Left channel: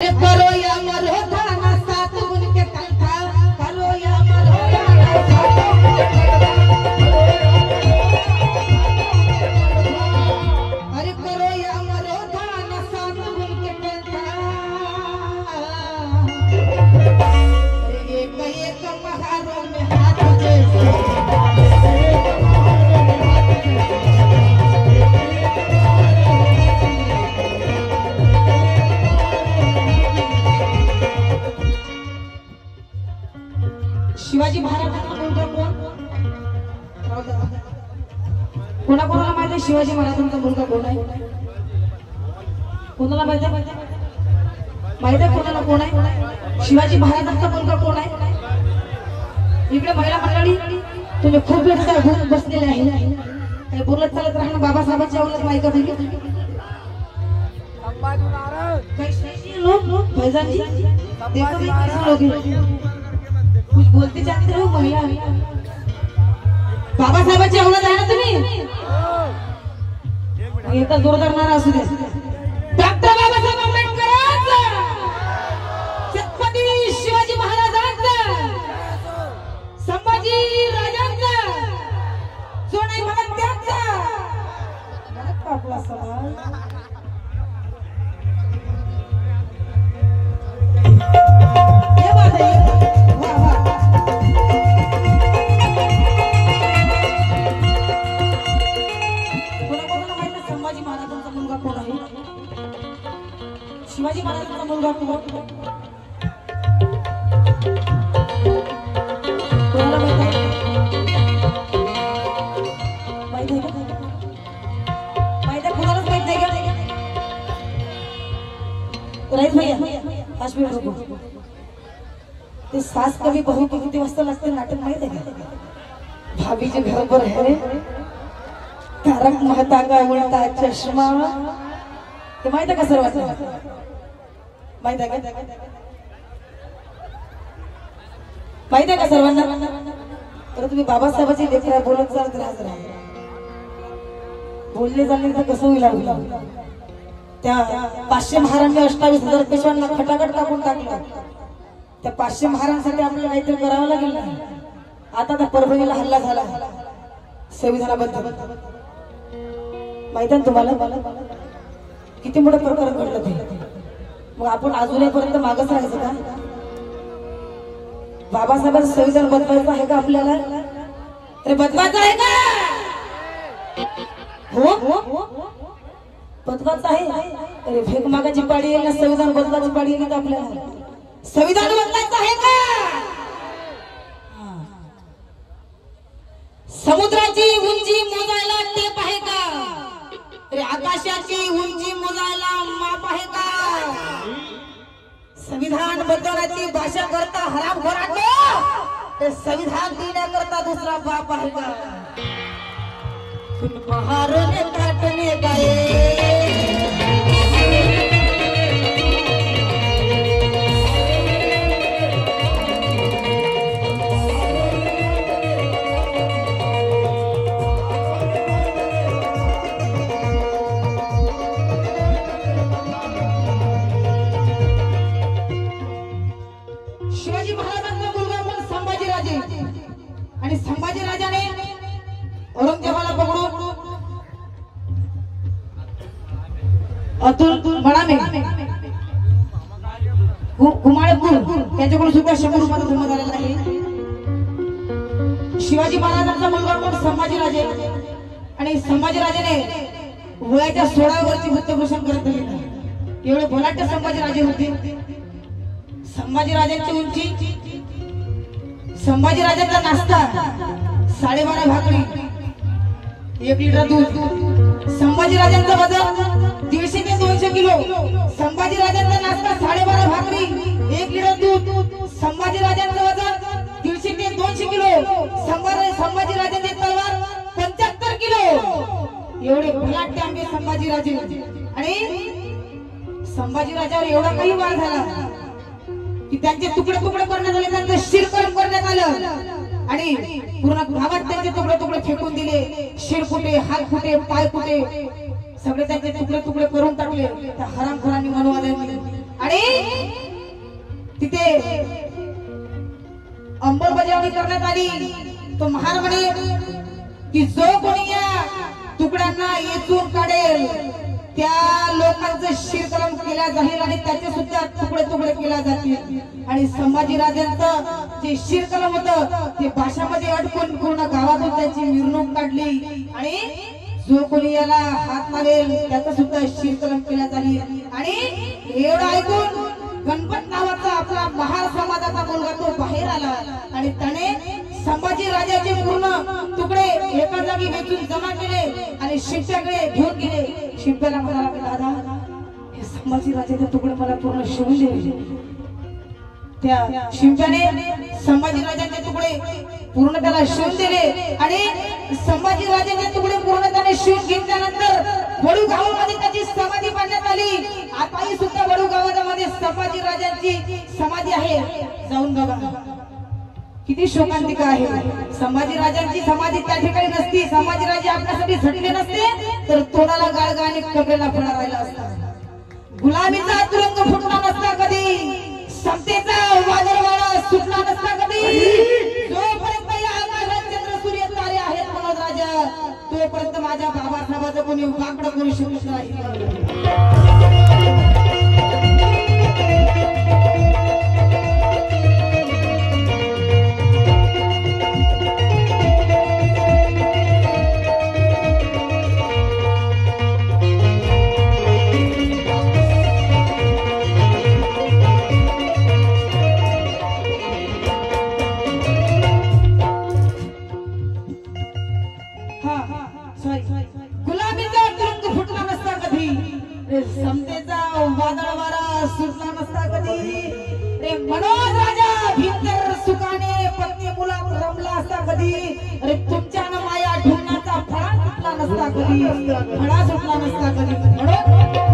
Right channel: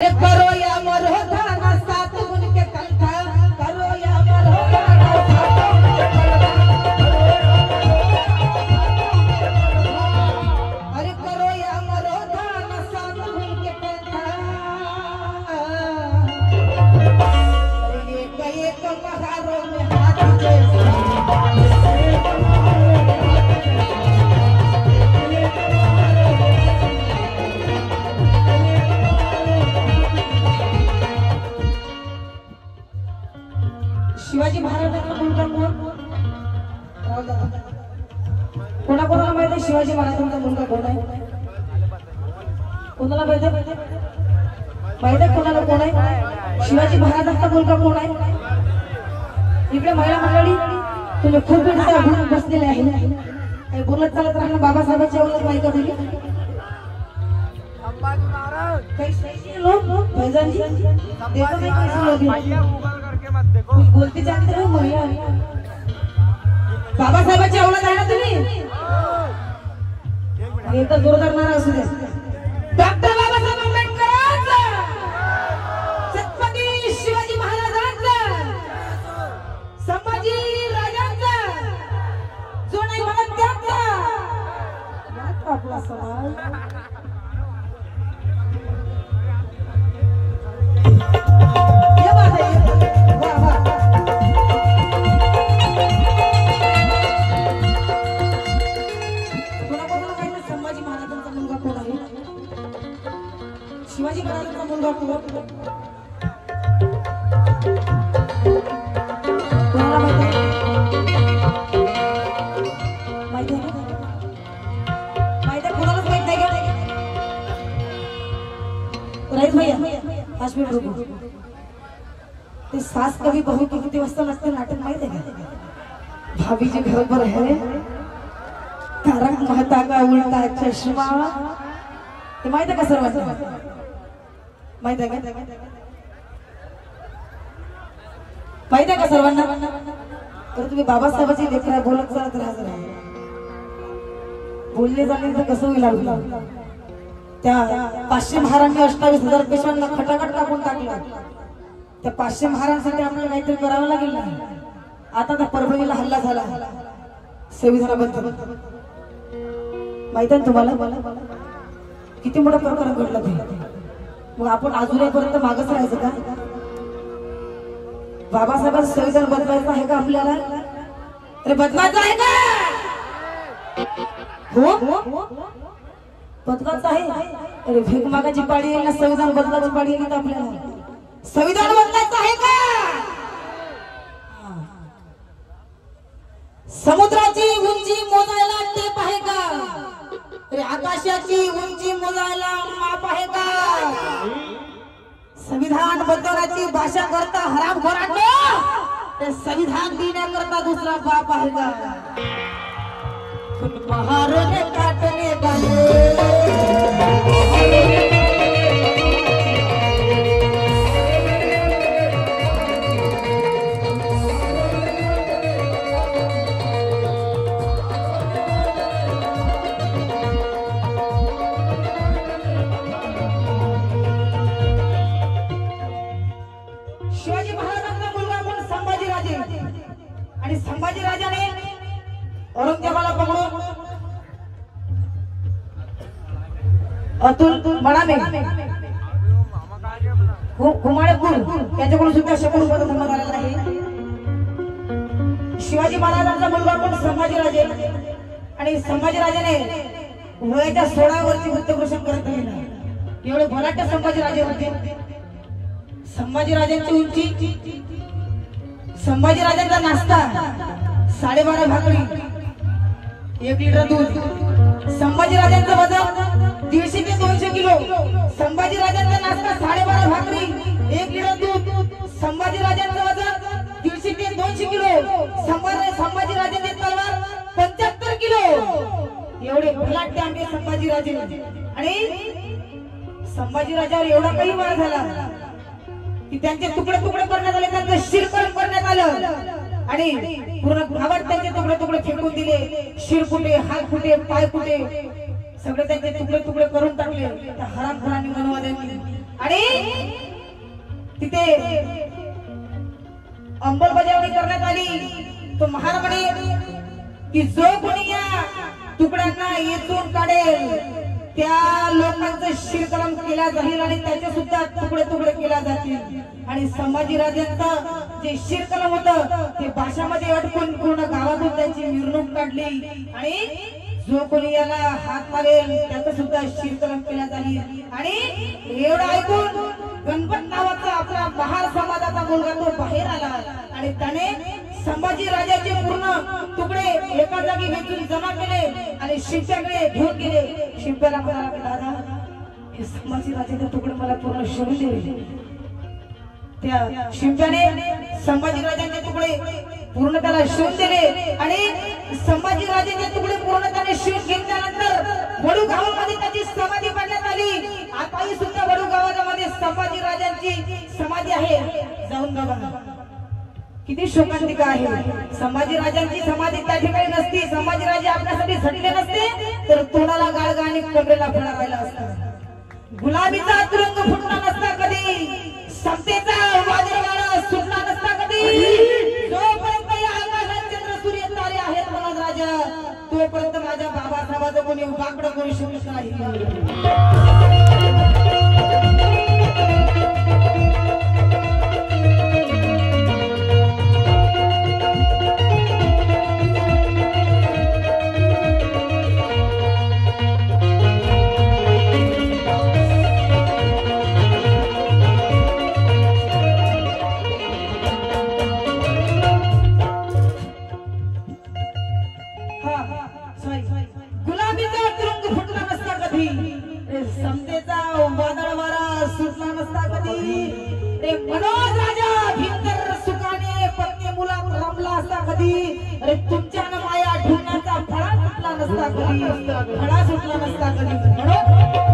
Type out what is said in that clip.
करो या मरो थाना साथ उनके कंठा करो या मरो अरे करो या मरो थाना साथ उनके कंठा एक एक महारों में हाथ दे शिवाजी महाराजांचा मुलगा कोण? कोणाकोणाला माहिती आहे शिवाजी महाराजांचा मुलगा कोण आहे? कोणाला माहिती आहे? माहिती आहे कोणाला कोण आहे? शिवाजी महाराजांचा मुलगा कोण आहे? इकडे महिला मंडळी तुम्ही खूप वेळ बसलेले आहे, काही बोलत चालत राहणं बाबासाहेबांच्या औलाद माहिती दिली लोग फैजानजी देखो कैसे लोग कुछ बोलते जाते रहो महिला बाबा साहेबांची औलाद आहे ना तुम्ही? एकदा जोरदार नारा असू दे. डॉक्टर बाबासाहेब आंबेडकरांचा, छत्रपती शिवाजी महाराजांचा, संभाजी राजांचा, सोनाई भगत त्यांचा आपला सवाल शिवाजी महाराजांचा मुलगा कोण? ते सास कभी बहू को किती वाजता लागते नाटक माहित आहे का? भाभीचे बरोबर आहे तारक मेहता का उलटा चष्मा ते माहित आहे का सर्वांना? माहित आहे का? माहित आहे का सर्वांना? तर तुम्ही बाबासाहेबांची लेकरं बोलत चालत राहत बोलले झाले तर कसं होईल? त्या 500 महारांनी 28,000 पेशांना खटाखट कापून टाकलं. त्या 500 महारांसाठी आपल्याला काहीतरी करावं लागेल ना. आता त्या परभणीला हल्ला झाला संविधानाबद्दल माहित आहे तुम्हाला? किती मोठा प्रकार घडला ते. मग आपण अजूनपर्यंत मागच राहायचं का? बाबासाहेबांचं संविधान बदलायचं आहे का आपल्याला? अरे बदलायचं आहे का? हो बदलायचं आहे. अरे भीक मागायची पाळी येईल ना, संविधान बदलायची पाळी येईल का आपल्याला? संविधान बदलायचं आहे का? समुद्राची उंची मोजायला टेप आहे का? अरे आकाशाची उंची मोजायला माप आहे का? संविधान बदलण्याची भाषा करता हराम घराणे, ते संविधान देण्याकरता दुसरा बाप आहे का? पहाड़ने काटने गए शिवाजी महाराजांचा मुलगा पण संभाजीराजे, आणि संभाजीराजाने औरंगजेबाला पकडून अतुल बडामे गुमाळपूर त्यांच्याकडून सुद्धा 100 रुपयाचा धर्म झालेला आहे. शिवाजी महाराजांचा मुलगा पण संभाजीराजे, आणि संभाजीराजेने वयाच्या 16 वर्षी मृत्यूभूषण करत राहिला. एवढे भलाट्य संभाजीराजे होते. संभाजीराजांची उंची, संभाजीराजांचा नाश्ता 12.5 भाकरी 1 लिटर दूध. संभाजीराजांचं वजन 150 ते 200 किलो. संभाजीराजांचा नाश्ता 12.5 भाकरी 1 लिटर दूध. संभाजीराजांचं वजन 150 ते 200 किलो. संभाजीराजांची तलवार 75 किलो. एवढे भलाट्य आमचे संभाजीराजे. आणि संभाजीराजावर एवढा काही मार झाला की त्यांचे तुकडे तुकडे करण्यात आले, त्यांचं शिरकण करण्यात आलं, आणि पूर्ण गावात त्यांचे तुकडे तुकडे फेकून दिले. शिर फुटे, हात फुटे, पाय फुटे, सगळे त्यांचे तुकडे तुकडे करून टाकले त्या हरामखोरांनी, मनवाद्यांनी. आणि तिथे अंमलबजावणी करण्यात आली. तो महार म्हणे की जो कोणी या तुकड्यांना येथून काढेल त्या लोकांचं शिरकलम केल्या जाईल आणि त्याचे सुद्धा तुकडे तुकडे केल्या जातील. आणि संभाजीराजांचं जे शिरकलम होतं ते भाषामध्ये अडकून पूर्ण गावातून त्यांची मिरवणूक काढली आणि जो कोणी याला हात लावेल त्याचं सुद्धा शिरकलम केल्या जाईल. आणि एवढं ऐकून गणपत नावाचा आपला महार समाजाचा मुलगा तो बाहेर आला आणि त्याने संभाजी राजाचे पूर्ण तुकडे एका जागी वेचून जमा केले आणि शिष्याकडे घेऊन गेले. शिष्याला म्हणाला दादा हे संभाजी राजाचे तुकडे मला पूर्ण शिवून दे. त्या शिंप्याने संभाजी राजाचे तुकडे पूर्ण त्याला शिवून दिले आणि संभाजी राजाचे तुकडे पूर्ण त्याने शिवून घेतल्यानंतर वडू गावामध्ये त्याची समाधी बांधण्यात आली. आताही सुद्धा वडू गावामध्ये संभाजी राजांची समाधी आहे. जाऊन बघा किती शोकांतिका आहे. संभाजी राजांची समाधी त्या ठिकाणी नसती, संभाजी राजे आपल्यासाठी झटले नसते तर तोडाला गाळगा आणि कमरेला फळा राहिला असता. गुलामीचा तुरुंग फुटला नसता कधी, समतेचा वादळवारा सुटला नसता कधी. जोपर्यंत या आकाशात चंद्र सूर्य तारे आहेत मनोज राजा तोपर्यंत माझ्या बाबासाहेबांचं कोणी वाकडं करू शकत नाही. गुलामीचा तुरुंग फुटला नसता कधी, समतेचा वादळ वारा सुटला नसता कधी. रे मनोज राजा भीतर सुखाने पत्नी मुलात रमला असता कधी. अरे तुमच्या माया ढुंगणाचा फळा सुटला नसता कधी, फळा सुटला नसता कधी.